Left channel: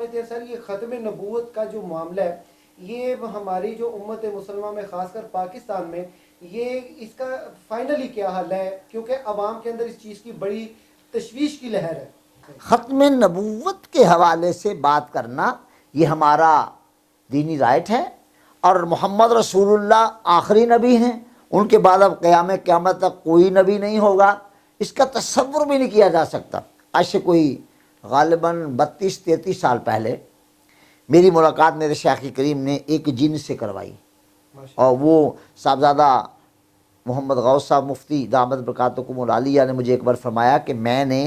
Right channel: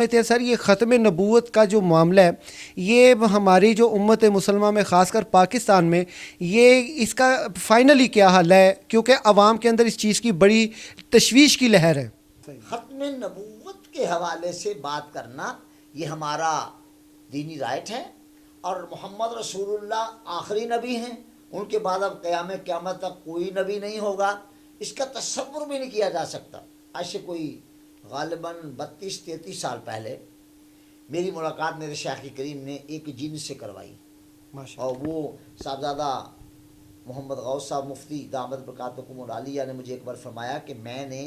کہتے ہیں سر یہ ختم نبوت کا جو معاملہ ہے یہ ہماری جو امت مسلمہ میں خاص کر پاکستان میں یہ اس کا فائنلی کیا حل ہے، کیونکہ عوام کے اندر اس چیز کی بڑی تشویش کی لہر ہے۔ ختم نبوت کے حوالے سے بات کرنا یہ ہمارا دینی رائٹ ہے، اور محمد رسول اللہ آخری نبی ہیں، ان کے بعد اب قیامت تک کوئی نبی نہیں ہوگا، اس کا تصور بھی نہیں کیا جا سکتا۔ آج سے کوئی غالباً 32-33 سال پہلے میری ملاقات میرے شیخ کریم نے ایک جن سے کروائی، اور وہ صاحبزادہ محمد غوث صاحب مفتی دامت برکاتکم العالیہ نے مجھے ایک بار فرمایا کہ میں نے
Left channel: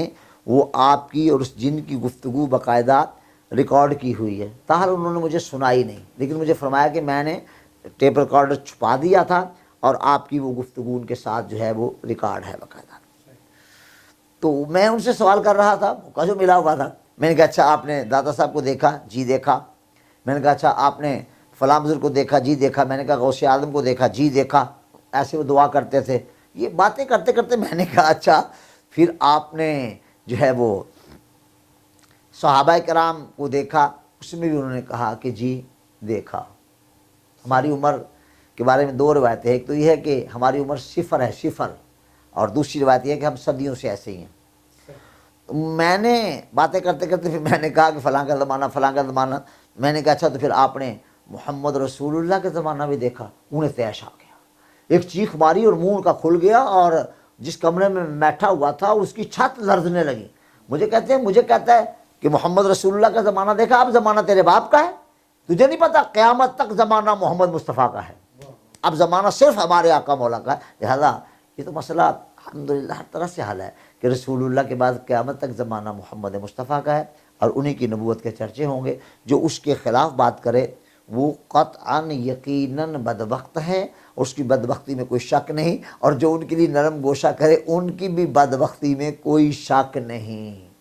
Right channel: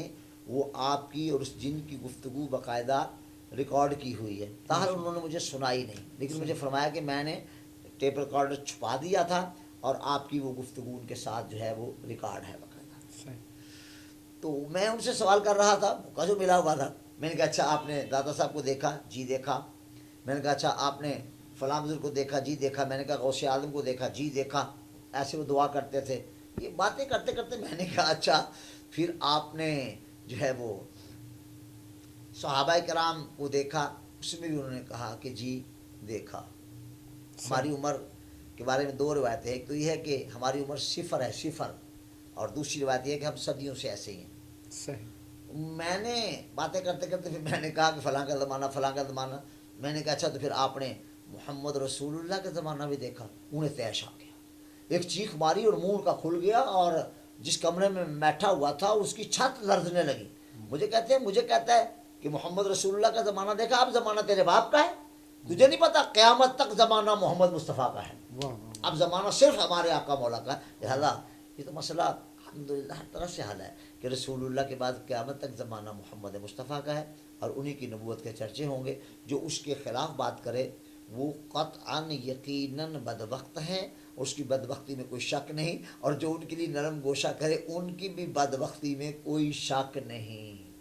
وہ آپ کی اور اس جن کی گفتگو باقاعدہ ریکارڈ کی ہوئی ہے، تاہر انہوں نے مجھے سنائی نہیں، لیکن مجھے فرمایا کہ میں نے ٹیپ ریکارڈر چھپا دیا تھا اور آپ کی وہ گفتگو ان کے ساتھ جو ہے وہ ریکارڈ ہے باقاعدہ۔ تو میں ان سے سوال کر رہا تھا، موقع جو ملا ہوا تھا، میں نے کہا اچھا آپ نے داتا صاحب کو دیکھا؟ جی دیکھا۔ میں نے کہا اچھا آپ نے فلاں بزرگ کو دیکھا؟ جی دیکھا۔ میں نے کہا غوث اعظم کو دیکھا؟ جی دیکھا۔ ایسے وہ دعا کرتے تھے، یہ باتیں کرتے کرتے میں نے کہا اچھا پھر آپ نے جو ہے وہ صحابہ کرام کو دیکھا؟ اس میں بھی انہوں نے کہا کہ جی دیکھا۔ ہماری عمر کے بارے میں دو روایتیں، ایک تو یہ ہے کہ ہماری عمر صفر ہے، صفر، اور دوسری روایت یہ ہے کہ ہم صدیوں سے ایسے ہی ہیں۔ میں نے باتیں کرتے کرتے پھر میں نے کہا کہ فلاں کا زمانہ، فلاں کا زمانہ۔ میں نے کہا اچھا تو پھر آپ نے محمد رسول اللہ کا زمانہ بھی دیکھا؟ انہیں تیش آ گیا، ایک چیخ ماری اور منہ کا کھل گیا، اور جس کمرے میں بیٹھا ہوا تھا اس کی چھت لرزنے لگی۔ مجھے کہتا ہے کہ محمد رسول اللہ کا زمانہ دیکھا؟ اب زمانہ تیرے باپ کا ہے، تجھے نہیں پتا قیامت تک زمانہ محمد مصطفیٰ کا ہے، اب زمانہ صرف ہمارے آقا مولا کا ہے۔ لہذا یہ تو مسئلہ الحمدللہ ہر طرح سے حل ہے کہ رسول اللہ کے بعد قیامت تک زمانہ محمد مصطفیٰ کا ہے، اور انہی کی نبوت کے چرچے ہوں گے۔ جو اس کے خلاف بات کرے وہ قطعاً یقیناً بدبخت ہے، اس کی بدبختی میں کوئی شک نہیں، اور جو ان کے لیے نرم گوشہ کرے ان کی بھی بدبختی میں کوئی شک نہیں۔